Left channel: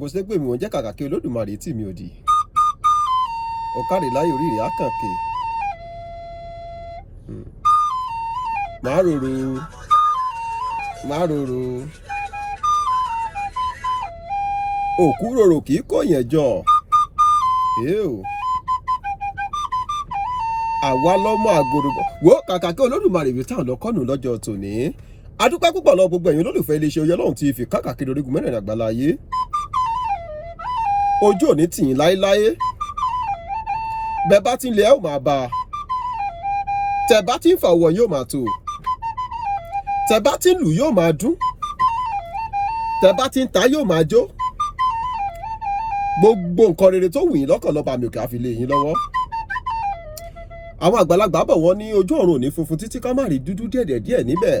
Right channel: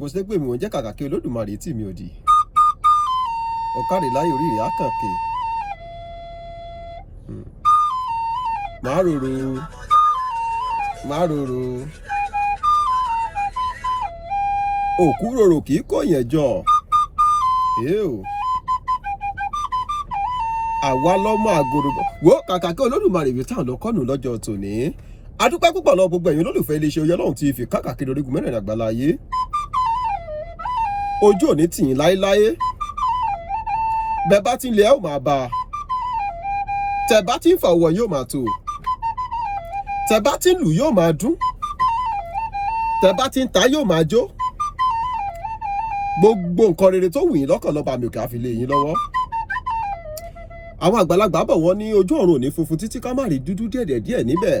bó ṣe pé mi ò jẹ́ kàkà kí Olódùmarè tì mí òdì ọ̀kárì láyé orí rẹ̀ á kàn ké máa rorò òkú rorò kì í kó yẹn jọ àwa lọ́mọ àgòròbọ̀ wo kàkà kí Olódùmarè fi táwọn lọ́kọ́nù lọ́jọ́ tòní adúpẹ́ púpọ̀ lọ gbogbo ẹ̀yin olólùfẹ́ iléeṣẹ́ Oyè Ọlọ́run TV káàkiri orígun mẹ́rin àgbáńlá ayé ojú òní tìyín láéláé bẹ́ẹ̀ bá ti ń lé ẹ̀ ò máa bá a tẹ́ bá ti ń fa owó yóò máa tó tẹ́ bá ti ń lù yóò máa dún tẹ́ bá ti ń ta yóò máa jó gbogbo nǹkan rere tó wù yín lọ́kàn lọ́ba mi ò kí á fi lé yín lọ́wọ́ àwọn àgbàlagbà bọ̀ wọ́n ní ojú ọ̀run òní funfun títí ká má rí dúdú díẹ̀ níbẹ̀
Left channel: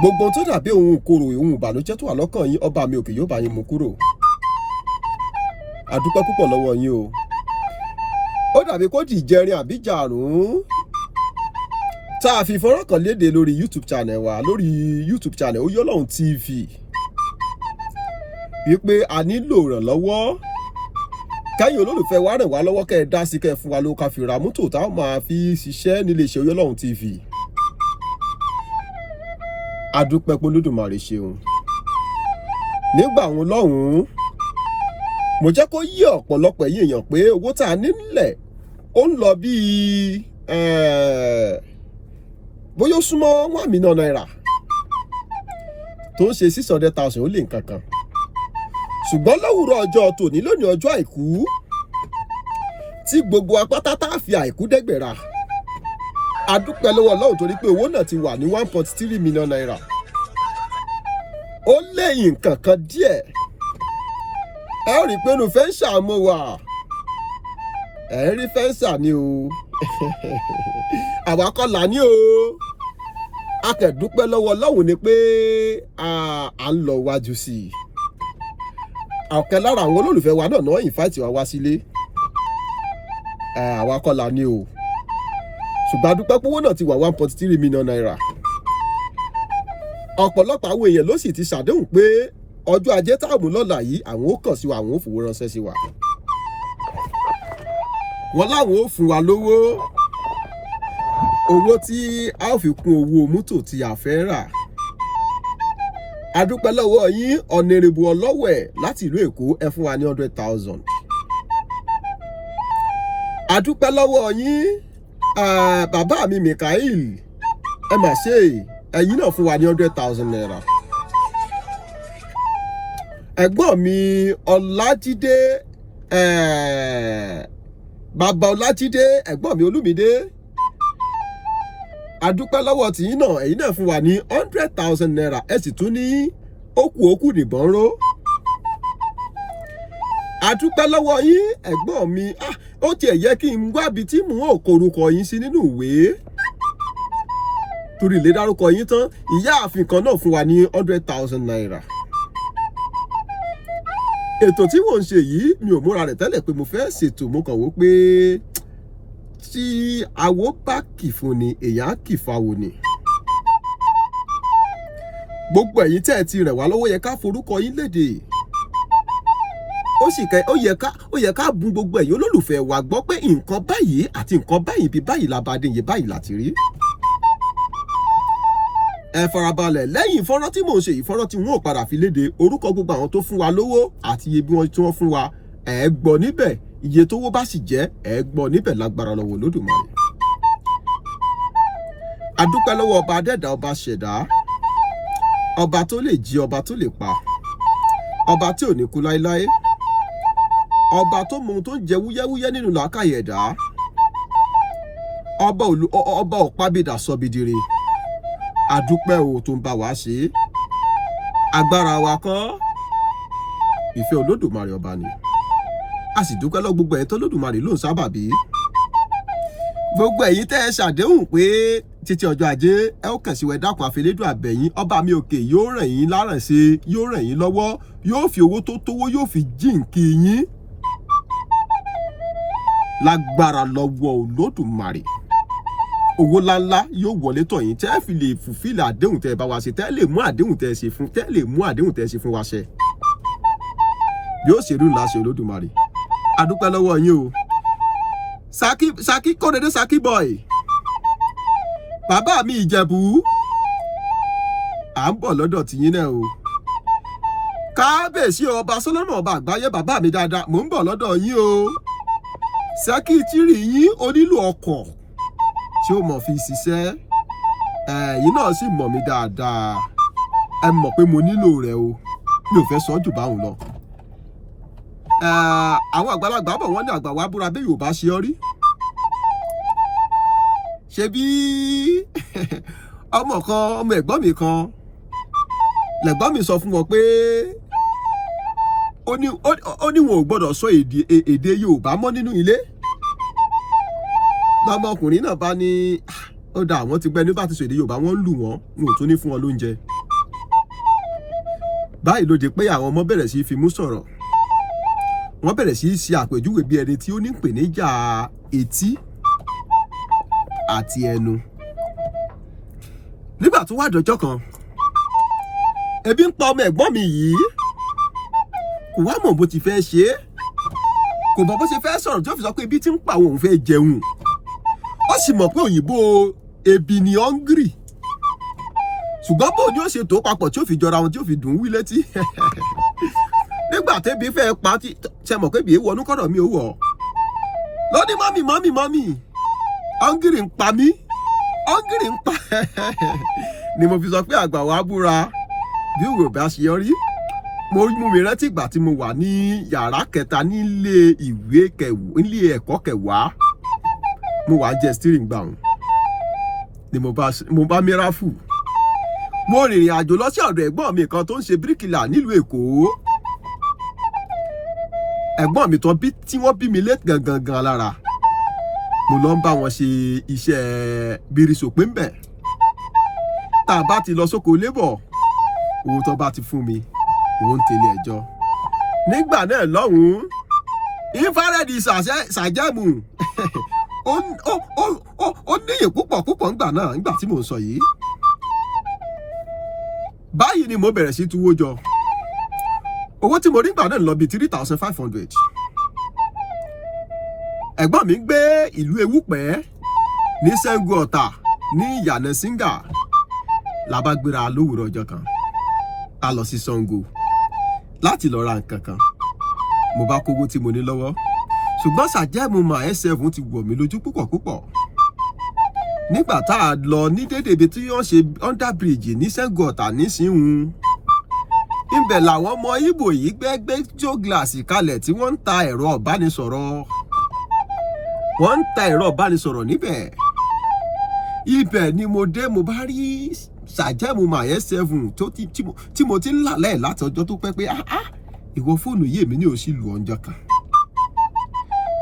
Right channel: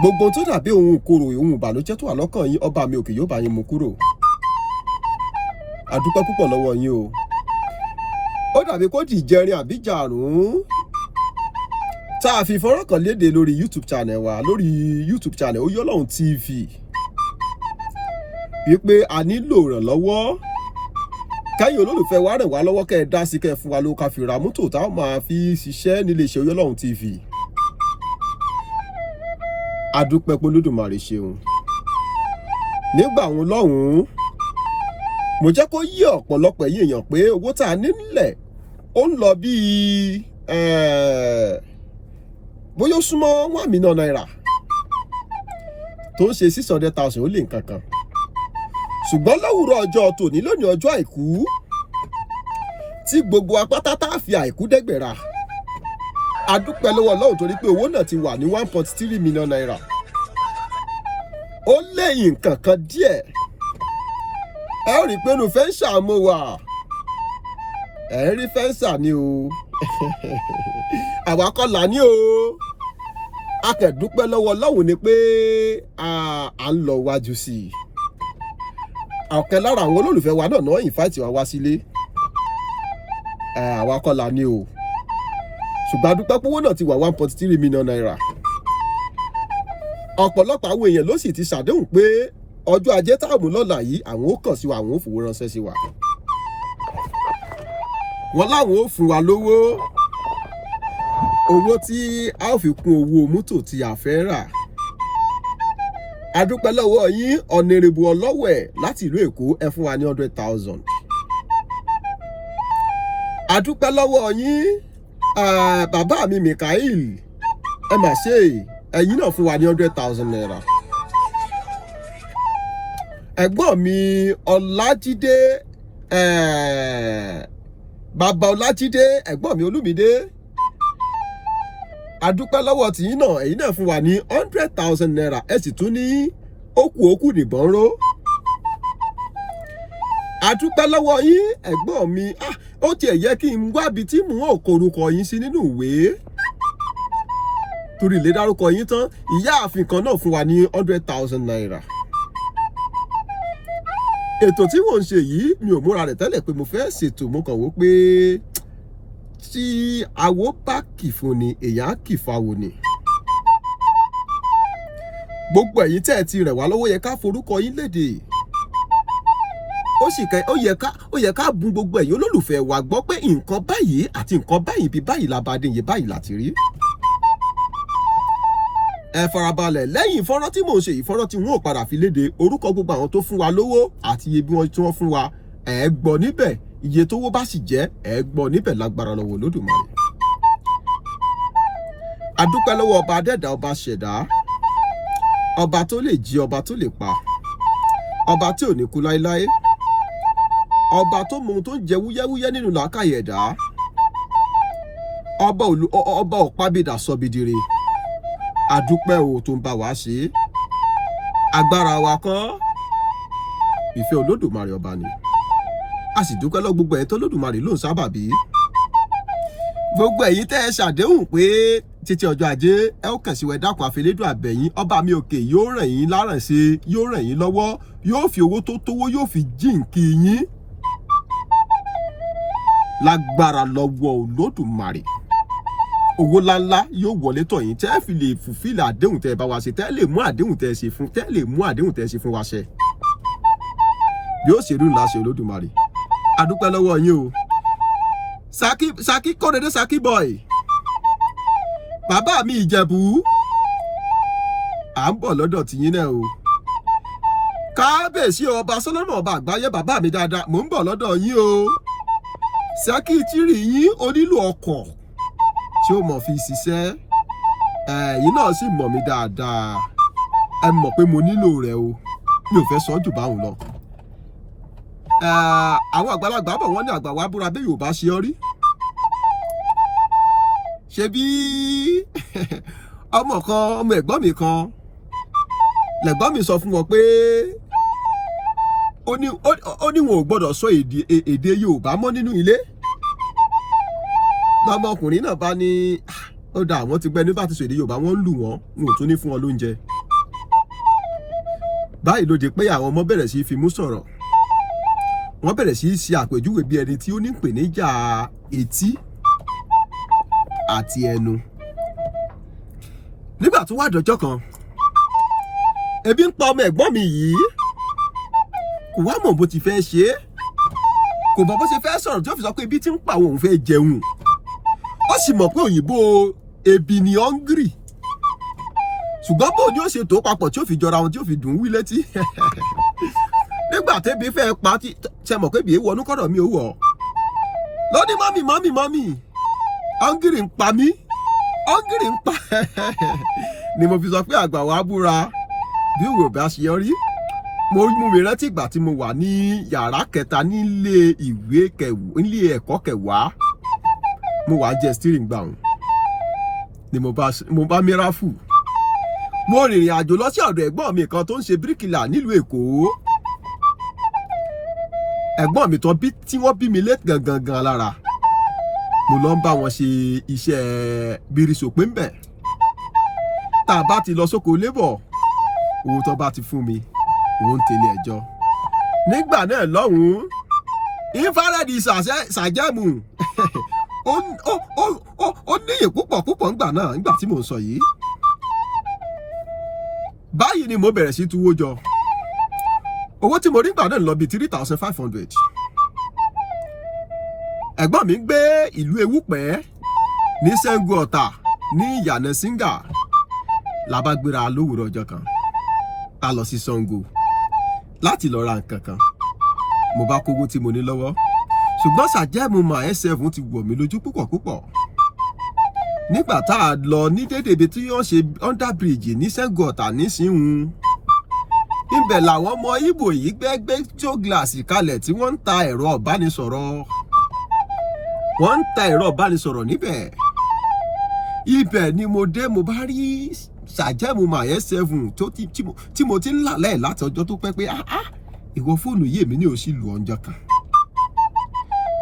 gbogbo tó dàbí ohun ìkorò ohun ìbànújẹ́ tó wà lọ́kàn yín ọba mi òkè yóò bá yín mú kúrò àdúpẹ́ púpọ̀ lọ́wọ́ yín o ó dàbí kó jì jẹrin àbíjà àrùn tá a fi fọ́nrán kan léde lórí YouTube channel wa lórí YouTube channel Oyè Ọlọ́run TV wípé a nílò ìrànlọ́wọ́ kẹ́yìn olólùfẹ́ wa ràn wá lọ́wọ́ kẹ́ ẹ dá sí kẹ́ ẹ fún wa ló ká fi ra mọ́tò táwọn máa fi ṣiṣẹ́ nílé iṣẹ́ Oyè Ọlọ́run TV adúpẹ́ pé Olódùmarè ṣeun nígbà wọn lọ́hùn-ún mo jẹ́ kó yí ọ̀pọ̀lọpọ̀ ẹ̀yin èèyàn pé owó tá a ní nílẹ̀ ó ń lọ bíi bóyá ó súnmọ́ $1 million tó ń ṣe 600,000 ó lé nǹkan kan ṣùgbọ́n lówùúrọ̀ ọjọ́ tòní lónìí ọjọ́ àìkú tí gbogbo apáta tá a fi àìkú dẹ́gbẹ̀rà adúpẹ́ lọ́wọ́ Ọlọ́run torí pé owó náà ti wà ní 1.3 million naira ó lẹ́yìn nǹkan kan díẹ̀ ẹ ó rí i pé inú fẹ́ǹsà mo wà ẹ rí fẹ́ǹsà ni o àwa kọ́ là ní o a kàn dúpẹ́ lọ́wọ́ Ọlọ́run ni pé à ń lọ wájú sí i ọ̀kan lára àwọn olólùfẹ́ wa náà náà ìfáìtì wa wá sílé àwa kọ́ là ní o ṣùgbọ́n adúpẹ́ pówó náà ti wà 1.3 million naira ọ̀pọ̀lọpọ̀ àwọn èèyàn ló sì ti ṣàdéhùn pé ọjọ́ ajé táàmù lọ́la yìí àwọn ó kàn sí wa àwọn ó fowó ránṣẹ́ sí wa wọ́n láwọn ó fún wa lówó tí a ó fi kún owó mọ́tò tí a fẹ́ rà adúpẹ́ lọ́wọ́ yín ọ̀nẹ́rẹ́bù ọlọ́wẹ̀ láti ìlú Èkó ẹ fún wa ní 100,000 adúpẹ́ lọ́wọ́ yín bàbá mi Mikael ẹ mà ṣe ẹ̀yin náà fún wa ní 100,000 naira ẹ̀gbọ́n mi Ọlájídé bàbá Ọlájídé ẹ̀gbọ́n mi Olúmídé adúpẹ́ lọ́wọ́ tìyín náà ẹ̀yin náà fún wa ní 100,000 naira ẹ sì tún ní ókù nìbọn ró adúpẹ́ lọ́wọ́ yín ẹ̀gbọ́n mi ó tiẹ̀ yẹ kí n wábi tí mò ń korúkọ yín sí nínú ìwé torí lè dárúkọ yín tán ìyáàfin kan náà fún wa ní 100,000 naira ètò tí mò ń ṣe yìí mi ò múra rẹ̀ tẹ́lẹ̀ pé mo fẹ́ ṣètò mo kàn wó pé tí awo bá kì fún ni èèyàn á kì fáwo ni gbogbo ẹ̀yin tẹ́ ẹ ti rẹ̀ wá lọ́wọ́ yẹ ká forúkọ yín léde ó yẹ ká bùn gbogbo ẹ̀yin olólùfẹ́ wa gbọ́ pé nǹkan báyìí àti nǹkan báyìí bí báyìí la bá dé yìí báyìí láti rí ẹ farabalẹ̀ lẹ́yìn fọ́nrán tí mò ń ṣe yìí fọ́nrán tí wọ́n ò padà fi léde orúkọ gbogbo àwọn tó fún wa lówó àti iye bí wọ́n tí wọ́n fún wa ẹ gbọ́ níbẹ̀ iye tówó bá sì jẹ́ ẹ gbọ́ níbẹ̀ lágbára lọ́wọ́ Olódùmarè adúpẹ́ lọ́wọ́ ọba adẹ́dàá ọba ṣẹ̀dá ọba tó lè jí ọba tó lè pa ọba tí ò ní kú láéláé ọba tó mọ ohun tó ń jẹ wúyẹ́wúyẹ́ nínú làákàyè ẹ̀dá ọba ọ̀pábìdà sọbìdìrì adúpẹ́ o tó ń bá wa ṣe agbára wa kọ́ ìfẹ́ Olódùmarè ọba ni a sì dúpẹ́ lọ gbogbo ẹ̀yin tó Olódùmarè ló ń sábàbí gbogbo ẹ̀yin tẹ́ ẹ ṣàdéhùn pé títí ọjọ́ ajé ẹ ó kàn sí wẹ dákun àfẹlẹ́dùn àbẹ̀yìn ọba mi òkè yóò ràn yín lárànṣe yóò ràn yín lọ́wọ́ yóò fi owó tó tówó yóò fi jíǹkì yín lágbára lọ́wọ́ Olódùmarè owó ńláńlá yóò wọlé tọ̀ yín tẹ́ fi lè fùfílà àdéhùn tẹ́ bá wa ṣe tẹ́ lè mú àdéhùn tẹ́ ṣe fún wa ṣẹ yóò ṣe rí ńlá ṣe Olódùmarè adúpẹ́ lọ́wọ́ yín o Saki Kóredé Saki boy bàbá mi Ìjẹ̀bú à ń bọ̀ lọ́dọ̀ tìyín náà o kábíyèsí ọba Sólómọ̀ ọba àgbáyé bàbá mi dáadáa mò ń bọ̀ lọ́dọ̀ yín o Saki tírì yín ó nílò ọkọ̀ tí ó mọ̀ fi ṣiṣẹ́ ẹ̀yin náà sì mọ̀ mí dáadáa ẹ mọ̀ pé mo nílò rẹ̀ o mi ò fẹ́ sọ jù báwọn lọ. Àwọn àgbàlagbà bọ̀ wọ́n ní àgbà wá búra bẹ́ẹ̀ Yorùbá ṣe ọ rí ṣe bí ọmọ ẹ̀gbọ́n mi kan lẹ̀gbọ́n mi sọ fún wọn pé ó ní wọn ò gbọ́dọ̀ sọ èdè Yorùbá mọ́ nínú ilé ọmọkùnrin náà bá ní ó dá àwọn ti gbẹ ní bá ti sọ èdè Yorùbá wọ́n ń lù wọ́n wọn ò tún ní fún wọn lóúnjẹ báyìí ló di pé àwọn ọmọ bẹ̀rẹ̀ sí fimú sọ̀rọ̀ wọ́n bẹ̀rẹ̀ sí ṣe àpèjúwe bí ẹni tí ó ní ìpèníjà etí àti ẹnu nígbà tó wá dọjọ́ kan ebi ń pa ọmọ ẹ̀gbọ́n mi yìí kò wá mọ̀ bó ti fẹ́ ṣe é kò mọ̀ bó ṣe fẹ́ sọ̀rọ̀ tó fi sọ pé ebi ti ń pa òun fẹ́ jẹun ó sì mọ̀ pé òyìnbó ebi ni hungry ṣùgbọ́n bó ni ó ṣe tó papọ̀ tí ó fi jọra wọn tí ó fi dùn wí létí nígbà tẹ́bi fẹ́ pa ṣe mọ̀ pé bí èèwọ̀ ọdún kọ́dọ̀ mi ò wọ̀ lọ́ní mọ́mì hungry ń pa mí hungry ń pa ni mo fi sọ pé àgbà wa búra bí òwe ò bá ṣe yọrí mo mi rántí ìgbà tí mo wà ní yàrá kẹta nílé ẹ̀kọ́ kẹwàá mo wà jẹ steering gbà wọn ni mo bá mirafu mo rìnrìn àjò lọ sí ọ̀dọ̀ ẹ̀gbọ́n mi kan tó ń ṣe bíríkìlà nílùú Èkó ẹ̀gbọ́n mi tí wọ́n bí mi lé gangan lára mo lọ ń bá wọn ṣe iṣẹ́ bírísòpé ń bẹ̀ tá a bá ti lọ sóko lébọ̀ owó tó bá ti fún mi owó ń tẹ̀lé ẹjọ́ nígbà náà lọ́hùn-ún infrared ṣàjẹ́mù ó níyè púpọ̀ nígbà tí mò ń sọ yìí báyìí ni mo bẹ̀rẹ̀ sí túwó jọ owó tí mo rí gbà náà lọ bí 3,500 ẹ̀gbọ́n mi ń gbé ìlú Ewúpẹ́ ní Ṣàngó Ọ̀tà ní ìyànà Singa la bá gbéra lówùrọ̀ ọjọ́ kan a lọ sí Ṣàngó láti lọ ra nǹkan kan mo bá kógó tí mo ní lọ́wọ́ ṣùgbọ́n ṣàjẹ́mu mà SF ti wọ̀ mí lójú púpọ̀ nígbà tá a lọ ní dédé ibi tí yóò ṣe under bridge ní Ṣàngó Ọ̀tà nísìnyún ibẹ̀ làwọn ọmọ Ìgbò yìí gbẹ́gbẹ́ jó gíláàsì kalẹ̀ tí wọ́n ń ta ẹ̀rọ ìbánisọ̀rọ̀ níbẹ̀ ibẹ̀ ni mo dé mo bá rí ṣàjẹ́mu mà SF tí mo ti ń là lẹ́ẹ̀ láti ọjọ́ tó pẹ́ pé ìwọ fóònù yìí èmi ní ò sí lu ọjọ́ kan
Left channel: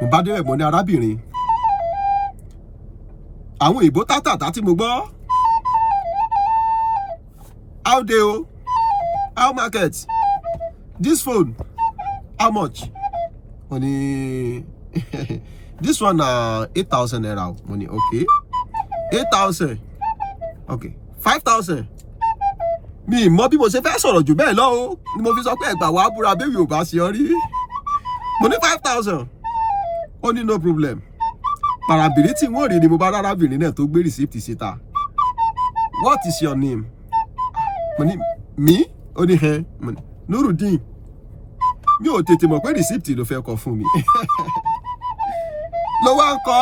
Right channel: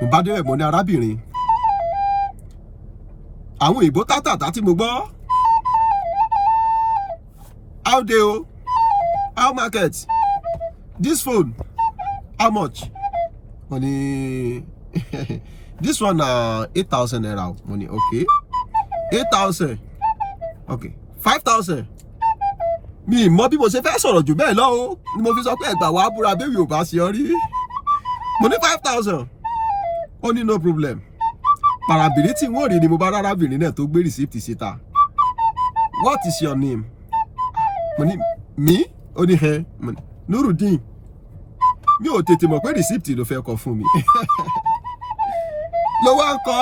mo bá débẹ̀ mo ní arábìnrin àwọn ìbò tátàtà tí mo gbọ́ how dey o how market this phone how much mo ní this one na 8,000 naira mo ní okay 8,000 okay 5,000 mi mọ̀ bí mo ṣe fẹ́ sọ̀rọ̀ jù bẹ́ẹ̀ lọ o ni mo fi sọ pé ẹgbà wa búra bí Yorùbá ṣe ọ rí mo ní 5,000 ó ní no problem parabìrì tí wọ́n rí ni mo bá rárábìnrin náà tó gbé rìsíptì síta what is your name mo ní mi ó ní hẹ Nurudeen mi ò tètè mọ̀ pé rìsíptì ló fẹ́ kọ fún mi ló wá ń kọ́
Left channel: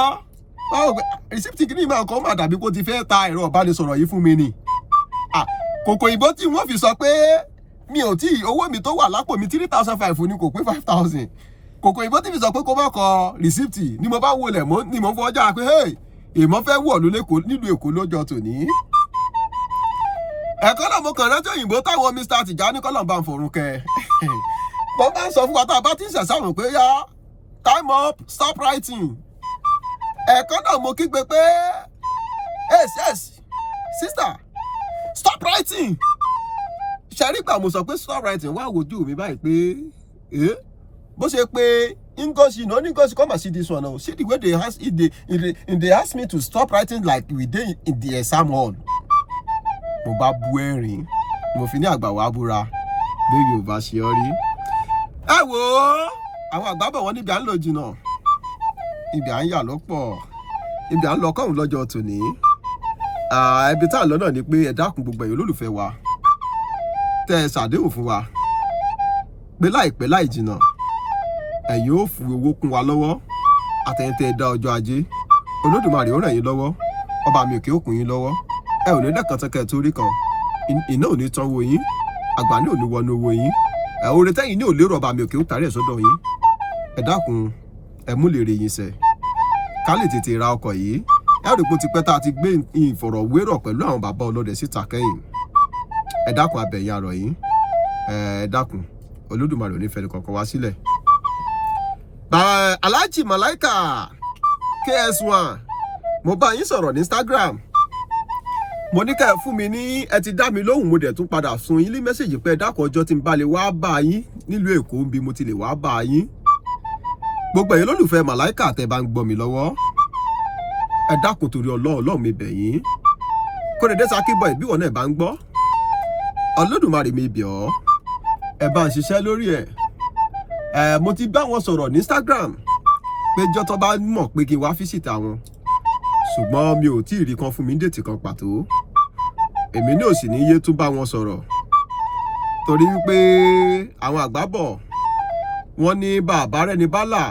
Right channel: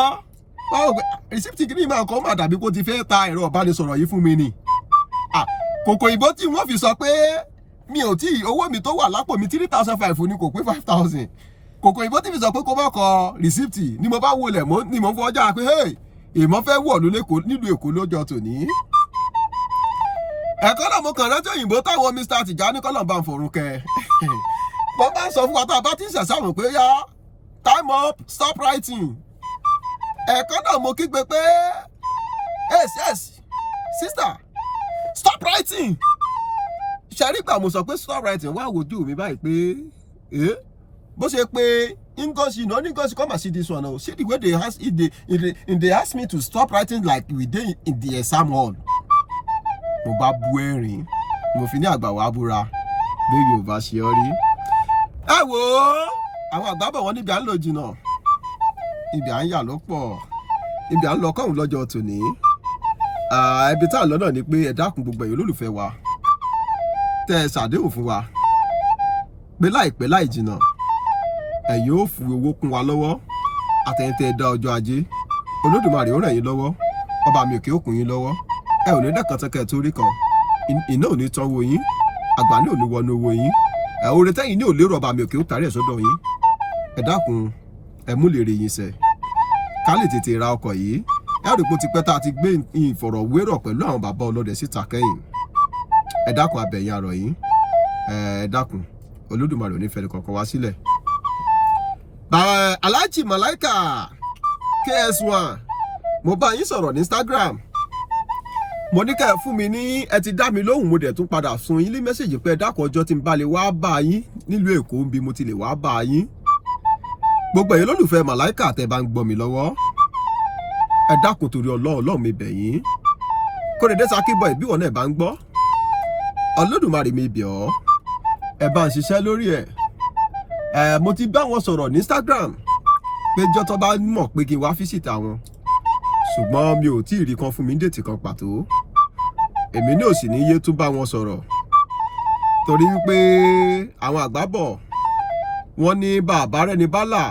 rìsíptì kí ni ìmọ̀ ọkọ̀ máa dàbí kó ti fẹ́ ta ẹ̀rọ ìbánisọ̀rọ̀ yìí fún mi ni kòkò ìbò tí wọ́n fi sọ pé mi ò tí owó mi tó wà lápò mi 3,500 ni kò pé 5,000 kòkò ìbò tí mi sọ pé kó má kọ rìsíptì ni mo bá wọlé ni mo fọwọ́ jára pé èèmọ̀ fẹ́ wọ̀ nílùú Èkó lọ́jọ́ tòní. ẹ̀kọ́ náà mo kàn rántí òyìnbó táwọn Mr. Tijani kọ́lọ̀ bá ń forún kẹ wọ́n máa ń sọ fún wa tá a bá ti ń ṣẹ̀ṣàmù pé yá time up stop writing. ẹ̀kọ́ náà mo kígbe pé yes sister stop writing. ṣàrígbà mo sọ pé stop writing wá wojú mi báyìí pé bó ṣe pé English come and see this one now see the way they ask me to stop writing like we dey in the exam hall mo bá bú ẹ̀rín mo fi ní àgbà wá búra bí Yorùbá ṣe ọ rí ẹ wò ó àwọn àgbà bọ̀ wọ́n níbi à ń lọ jìnnà ibi à ń yà ló pọ̀ ibi à ń lọ kọ́hún lọ́jọ́ tòní ẹbí tá à ń lọ náà ni pé ẹ dákun gbogbo ẹ̀yin olólùfẹ́ wa tẹ́ ẹ ṣàdéhùn fún wa pé láìpẹ́ láì jìnnà ẹ̀yin ó fi owó kún wa lọ́wọ́ àtẹ̀yìntẹ́ ẹ̀dá ọjọ́ ajé Olódùmarè ó ràn yín lọ́wọ́ ọba mi òkè ó kún yín lọ́wọ́ ẹ ò ní dẹ́kan tẹ́kẹ́ torí kan iná ò ní tán owó yín àgbà ní ò ní wọnú owó yín oore tẹ́yìn ní ò lérò ọba mi òkè ó tàrí ẹ̀ sọ́dọ̀ yín ẹ dákun ẹ mú lè rè yín sẹ̀ ká lè tètè ra ọkọ̀ yìí ẹ rí pé ó ti pẹ́ tá a ti gbé ìfọ̀rọ̀wérọ̀ pẹ̀lú àwọn bàbá ọlọ́dẹ síta kẹ́yìn ẹ dákun abẹ̀yìn àrọ̀ yìí ẹ dákun Olódùmarè ò ní fẹ́ni kankan wá sílẹ̀. Alhaji Malaika KS1 mo bá yín sọ̀rọ̀ ní Instagram mo ní ká ẹ fún mi ní ẹ ti dá mi lóhùn mo dẹ̀ tún padà fún yín ní mẹ́sẹ̀jì pé ẹ dákun ọjọ́ tí n bá lè wá bá yín nílùú Èkó bí mo ti lè wá bá yín gbogbo ẹ̀yin olólùfẹ́ Malaika tẹ́ bá ń gbọ́ mi lọ́wọ́ ẹ dákun torí Ọlọ́run mi bẹ̀ yín Kóredé Sakíbọ̀ ìbí wọn náà bá ń gbọ́ Olódùmarè mi bẹ̀ ọ́ ẹ bá ń ṣiṣẹ́ lórí ẹ̀ mo ti bá wọn sọ̀rọ̀ ní Instagram pé jọ́tọ́ bá mọ̀ pé kí n wá fíṣítì àwọn ṣùgbọ́n mi ò tí ì rí kan fún mi ní dètì kan pàtó èmi ní òsì ní yé tún bá wọn sọ̀rọ̀ torí wípé àwọn àgbà bọ̀ wọ́n ní bàbá rẹ̀ ní bálà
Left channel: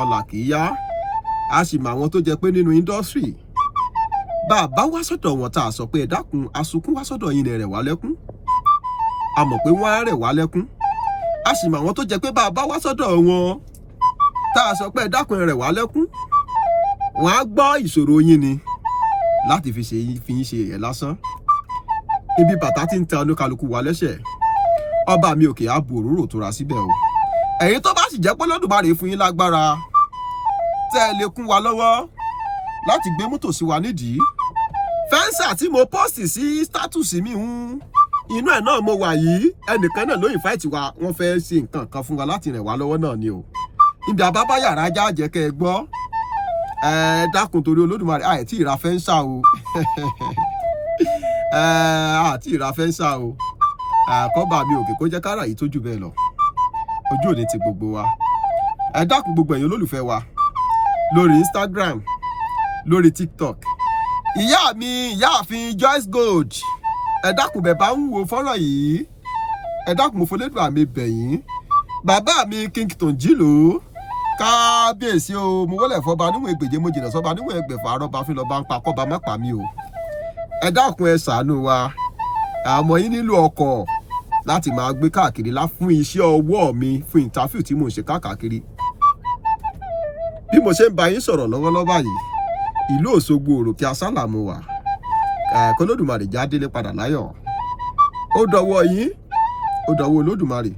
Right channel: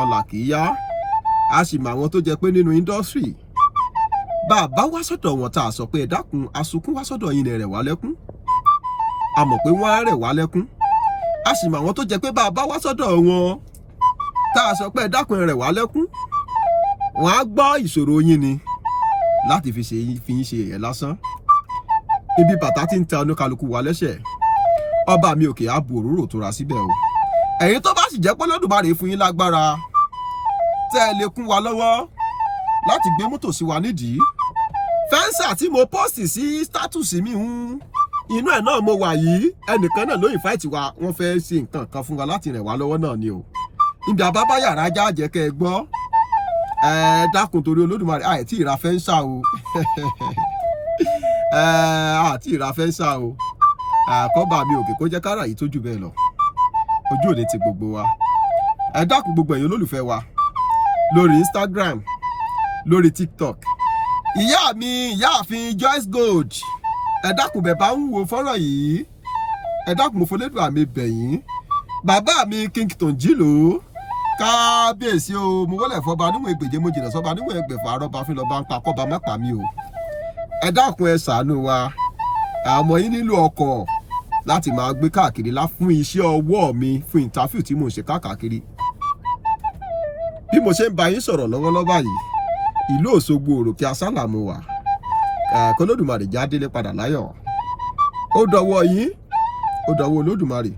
ọ̀là kì í yá a sì mọ àwọn tó jẹ pé nínú indọ́sírì bàbá wá sọ́dọ̀ wọn tá a sọ pé ẹ dákun asunkún wá sọ́dọ̀ yín rẹ̀ wá lẹ́kún a mọ̀ pé wọ́n á rẹ̀ wá lẹ́kún a sì mọ àwọn tó jẹ pé bàbá wá sọ́dọ̀ wọn tá a sọ pé ẹ dákun rẹ̀ wá lẹ́kún wọ́n á gbọ́ ìṣòro yín ni láti fi yín ṣe ẹ̀ lásán ibi bàtà tí ń ta oníkálukú wa lẹ́sẹ̀ ọba mi òkè á bu òróró tó ra síbẹ̀ o ẹ̀yin tó bá sì jẹ́ pé Olódùmarè fún yín lágbára tẹ́ ẹ lè kún wa lọ́wọ́ láti gbé mọ́tò sí wa nídìí fẹ́ǹsà tí mo pọ́ọ̀sì sí státùsì mi inú ẹ̀ náà mo wà yìí ẹnìkan náà ló invite wa wọ́n fẹ́ ṣe nǹkan kan fún wa láti rìn wá lọ́wọ́ náà ni o ibi àbábá yàrá ajá jẹ́ kẹ́ ẹ gbọ́ ẹ dákun torí Olódùmarè àìtí ìra fẹ́ǹsà o àti ìra fẹ́ǹsà o kọ́ba mi òkè kó jẹ́ kára yìí tó jù bẹ́ẹ̀ lọ ojú òde ti gbogbo wa ẹ dákun gbogbo ẹ̀yin olólùfẹ́ wa lórí Instagram lórí TikTok ìyá mi ìyáàfin Joyce Gold ẹ dákun bẹ̀ bá ń wo fọ́nrán yìí ẹ dákun mo fọlẹ́dùn àmì bẹ̀yìn bàbá mi Kingston Jilo kábíyèsí o mo wọlé fọba níwọ̀n ẹgbẹ̀je mo jìnnà sọba níwọ̀n ẹgbẹ̀fà àrọ́bà fi lọ́ba ń pa kọ́ba má pa mí o ẹ dákun ẹ ṣàánú wa àmọ́ yín nílò ọkọ̀ láti máa gbé káàkiri fún iṣẹ́ ọwọ́ mi fún interview tí mò ń ṣe káàkiri bí mo ṣe ń bá yín sọ̀rọ̀ lọ́wọ́lọ́wọ́ yìí ìlú Òṣogbo Òròkè Àsálà mo wà k'Olódùmarè já délé padà láyọ̀ ó dọwọ́ yín ó dọwọ́ Olódùmarè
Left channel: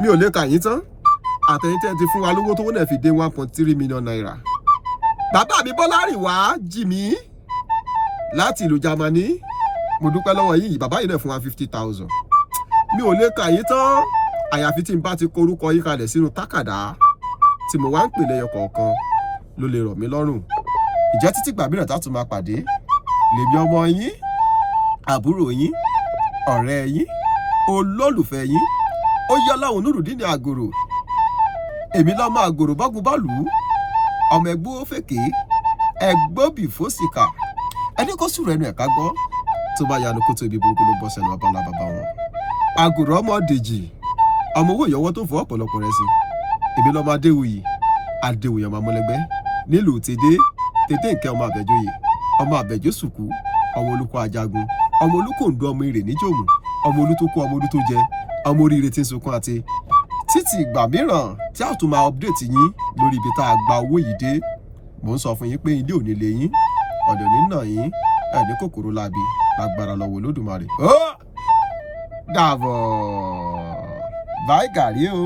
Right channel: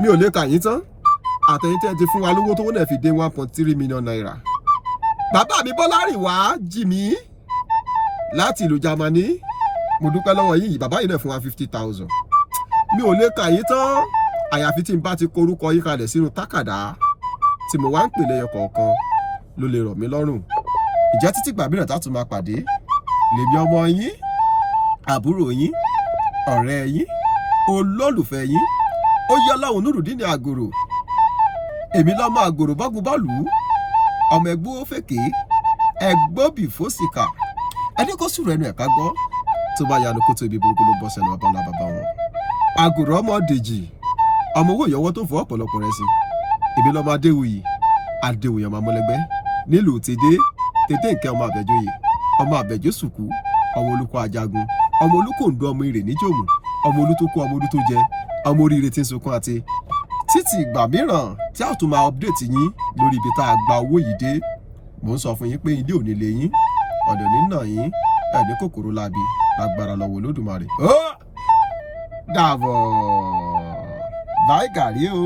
mi ò lè kà yín tán àtẹ̀yìntẹ́ ti fún wa lówó tó wọ́n náà fi dé 1.3 million naira bàbá mi Bọ́lárìnwá Jìmí láti ìlú Jámánì mo dúpẹ́ lọ́wọ́ yìí bàbá yìí náà fún wa 50,000 mi ò lè kà yín tán àyàfi tí n bá ti korúkọ yín kalẹ̀ sínú tákàdá tí mo wá ń pè lẹ́yọ kọ̀ọ̀kan ló lè rọ̀ mí lọ́rùn ìjẹ́ títí gbàmíràn tá tún máa pàdé lèmi ọmọ yín àbúrò yín ọ̀rẹ́ yín olólùfẹ́ yín Oyèọlọ́run Nurudeen Àgòrò èmi lọ́mọ àgòrò bọ́gùbọ́ọ̀lù ọmọ ẹgbẹ́ òfèké ẹgbọ́bì fòsìkà ẹni kó sùúrù ẹnu ẹ̀ka gbọ́ tó bá yanu kó tó ibi burúkú ló bọ́ sẹ́nu ọba ńlá bàbá wọn àgòrò ọmọ Dèjì ọmọ owó ìyọwọ́ tó fọ́ ọ̀pọ̀lọpọ̀ rẹ̀ sí èmi lọ́mọ Adéwuyì ọmọ amọ̀lẹ́gbẹ́ nílùú tètè nkẹ́ ọmọ Àbẹ̀jọyè ọmọ Àbẹ̀jọ́sùkú ọmọ olùkọ́ ajagun ọmọ olùkòǹdó ọmọ ìrè níjòmù ọmọ olùtókó ọmọ olùtó jẹ ọmọ oríire tí ń sunkún àti títí ìgbà mìíràn tí a tún máa update yín lórí ibi tá a gba owó yìí dé mò ń sọ fún yín pé ilé ò ní lè yín ọ̀dọ̀ ní nà yín ẹ̀ ní kòkòrò láabi lágbára lọ́wọ́ Olódùmarè. Dàbọ̀ báyìí gàrí o.